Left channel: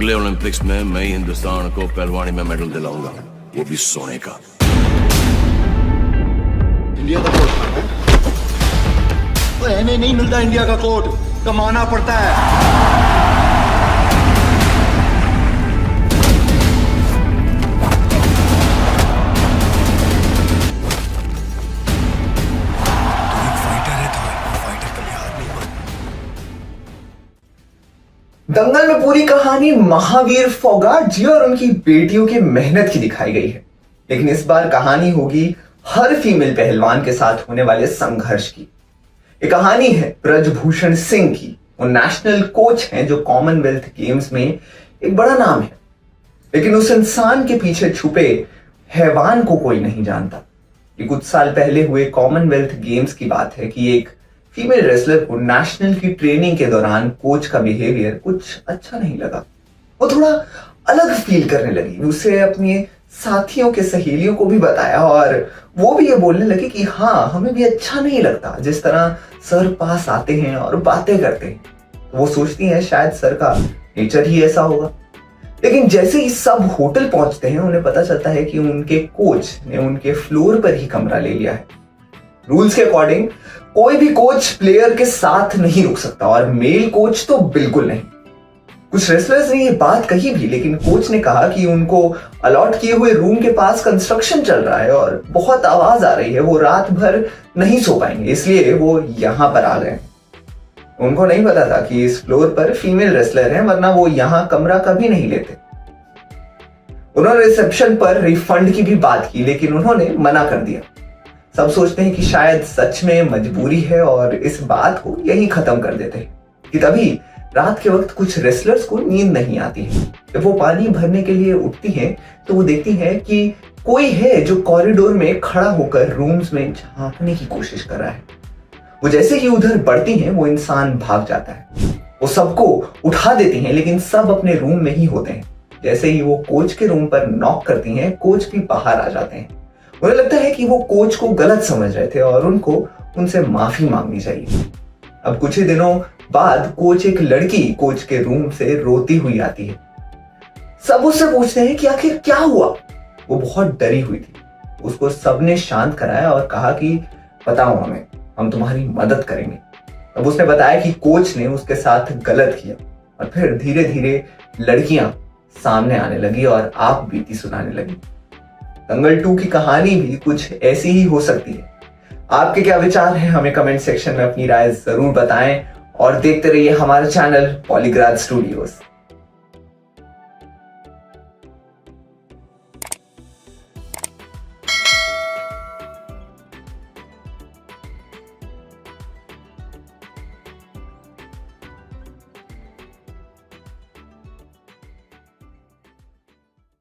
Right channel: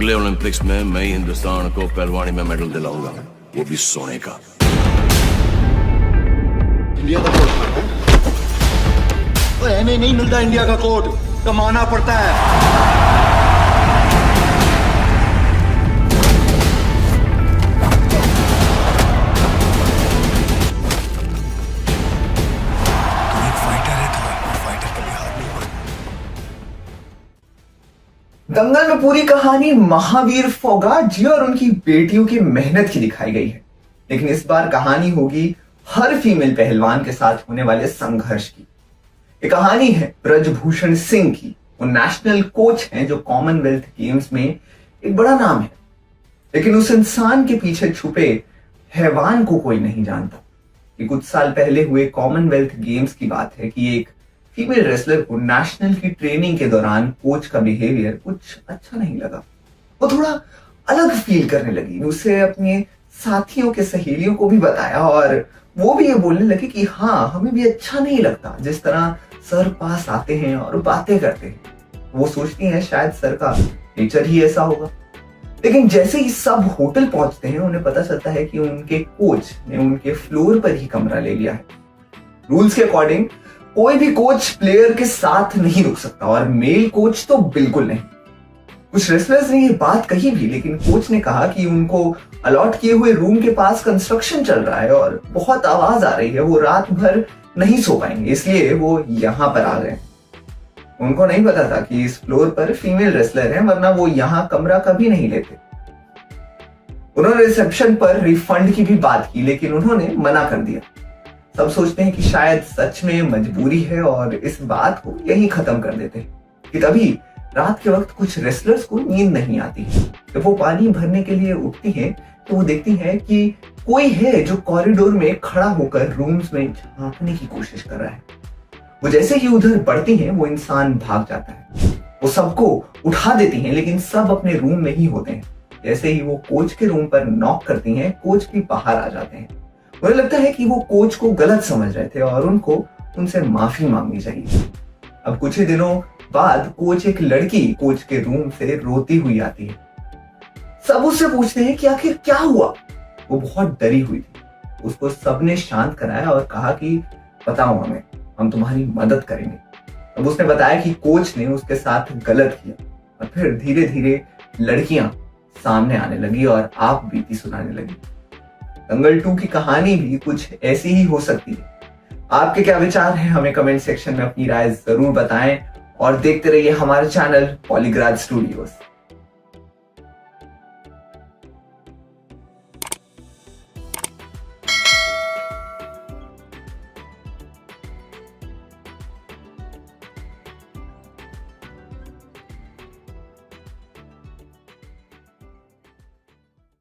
अगले ओलंपिक्स में मैं ही हिंदुस्तान को पहलवानी में मेडल दिलाऊंगा, वो भी सोने का। इंडिया का कोट ऐसे नहीं मिलता, इंडिया का कोट कमाना पड़ता है। तू एक फाइटर है, तो फाइटर कभी हार नहीं मानता। दंगल में पूरी कहानी महावीर फोगाट जी और उनकी बेटियों की मेहनत की दिखाई गई है, लेकिन इस बार कहानी होगी हर फीमेल पहलवान के साथ होने वाले संघर्ष की। ये कहानी है ब्रजभूषण सिंह की। वो नेशनल कोच हैं जो कॉमनवेल्थ गेम्स में एक बड़ा नाम है, लेकिन उस इंसान के पीछे छुपे हैवान को कोई नहीं जानता। ये कुछ साल पहले हुए कॉमनवेल्थ गेम्स की बात है कि एक फीमेल रेसलर को नेशनल की ट्रेनिंग के दौरान कोच का बिहेवियर कुछ अच्छा नहीं लगा। वो थोड़ा अलग फील करने लगी। उसे अपने साथियों के सहेलियों को भी बताया और वो भी ये बोलने लगे कि हाँ, हमें भी अच्छा नहीं लगता जिस तरह सर पास आते हैं और बातें करते हैं। वो सोचती हैं शायद सर का नेचर ही ऐसा होगा। लेकिन जैसे ही सब होटल पहुंचते हैं, उन्हें पता चलता है कि उनके कोच ने उनके फ्लोर पर ही कमरा ले लिया है। रूल्स के अकॉर्डिंग कोई भी कोच प्लेयर के साथ नहीं रुक सकता और मेल कोच तो बिल्कुल नहीं। कुछ रेसलर्स ने ये बात कही भी, लेकिन कोच ने कहा कि उनको अलॉट किए हुए रूम के पास कंस्ट्रक्शन चल रहा है और बहुत आवाज आ रही है, वो रात भर नहीं सो पाएंगे, इसलिए वो यहां पर आ गए। उनको नहीं पता था कि इस फ्लोर पर फीमेल रेसलर हैं, वरना वो यहां कमरा कभी नहीं लेते। उन्होंने रिसेप्शन पर रिफंड की भी बात की, लेकिन उन्होंने मना कर दिया। सब सोचते हैं कि शायद सच में मजबूरी है और इस बात को यहीं खत्म कर देते हैं कि तभी रात के वक्त कुछ रेसलर्स को नींद नहीं आती है। जब वो पानी भरने के लिए उठती हैं तो वो देखती हैं कि कोई है जो कॉरिडोर में खड़ा होकर रूम्स में झांकने की कोशिश कर रहा है। वो जैसे ही उधर बढ़ती हैं, वो इंसान भाग जाता है। वो सबको उठा देती हैं, लेकिन सब अपने रूम में ही होते हैं। जैसे ही वो कोच के रूम पर नॉक करती हैं, कोच भी बाहर आ जाते हैं। उन्हें लगता है कि वो कोच को गलत समझ रहे थे और उनको उनसे माफी मांगनी चाहिए। अब कुछ ही दिनों बाद कोच एक लड़की कोच के रूम से रोती हुई आती है। सब उससे पूछते हैं कि आखिर क्या हुआ। वो बहुत डरी हुई थी। उसको सबने शांत कराया और कहा कि बताओ हमें, हम तुम्हारी मदद करेंगे। अब उसने बताया कि कोच ने उसके साथ गलत किया और फिर धीरे धीरे लड़कियां सामने आने लगी और आप बीती सुनाने लगी। दंगल 2 की कहानी भी कुछ ऐसी ही हो सकती है। आपके क्या विचार हैं, हमें कमेंट सेक्शन में अपनी राय जरूर बताएं और देखते रहिए हमारा चैनल पॉलीग्राफ स्टूडियोज।